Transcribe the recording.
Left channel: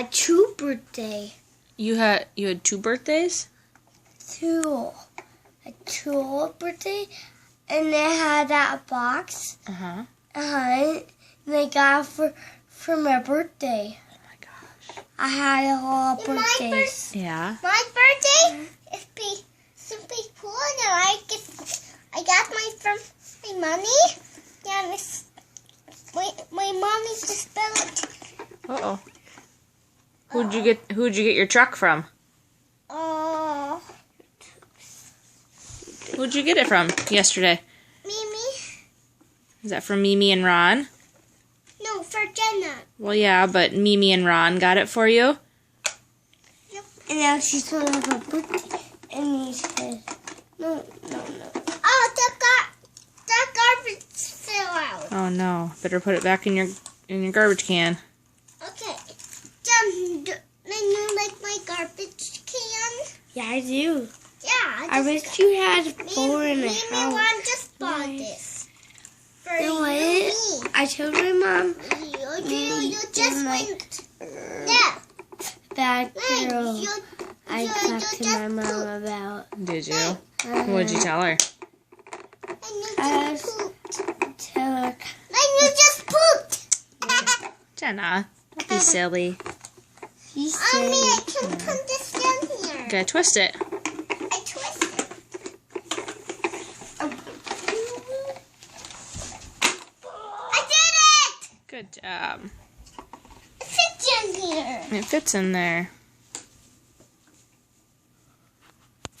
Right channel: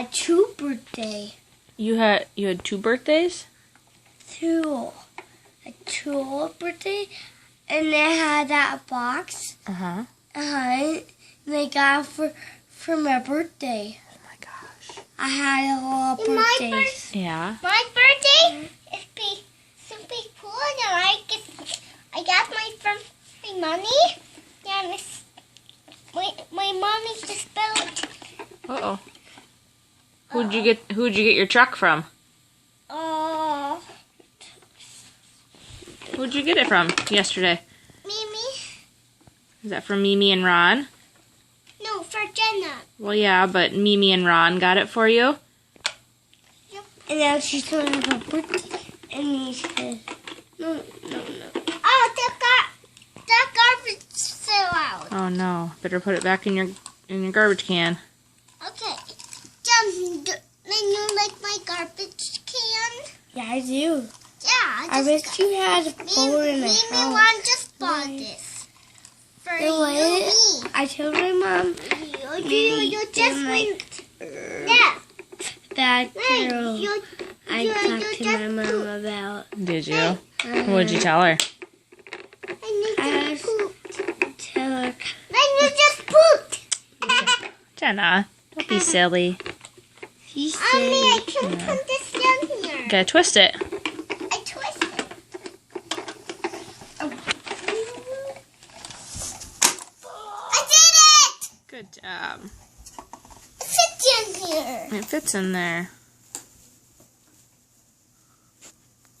a 2 birthday. You had 2 birthdays? 2. A 2 birthday. And they had that box. Uh-huh. And they got it for my birthday. Oh my gosh. I had a lot of birthdays. Yeah. My birthday is super cool, and I got my money. Yeah, my mommy just spelled. Uh-oh. Who'd you get your truck from? Who'd you get it from yesterday? Mimi. Is that from Mimi and Ron? No, for Jenna. Well, yeah, but Mimi and Ron got it for you? Yep. And now she's going to have a birthday. And he said, no. Oh, that garbage fell out. Oh no. Better put it back in your garbage can. Okay. Jen, do you like my garbage can? Yeah, I do. Yeah. I wish you had a phone in the Mimi house. Ron just bought this. For You know you, what? me. I told my mom You just went. Yeah. that girl You I talked to my mom about. Did you? What'd you tell her? And you I just pooped. Tell her, Then you just pooped. Jenna, don't be silly. she Mommy, I said, can put this down here. Gotta twist it. I twisted. I did it! Good job. Sit down here. It fits in there.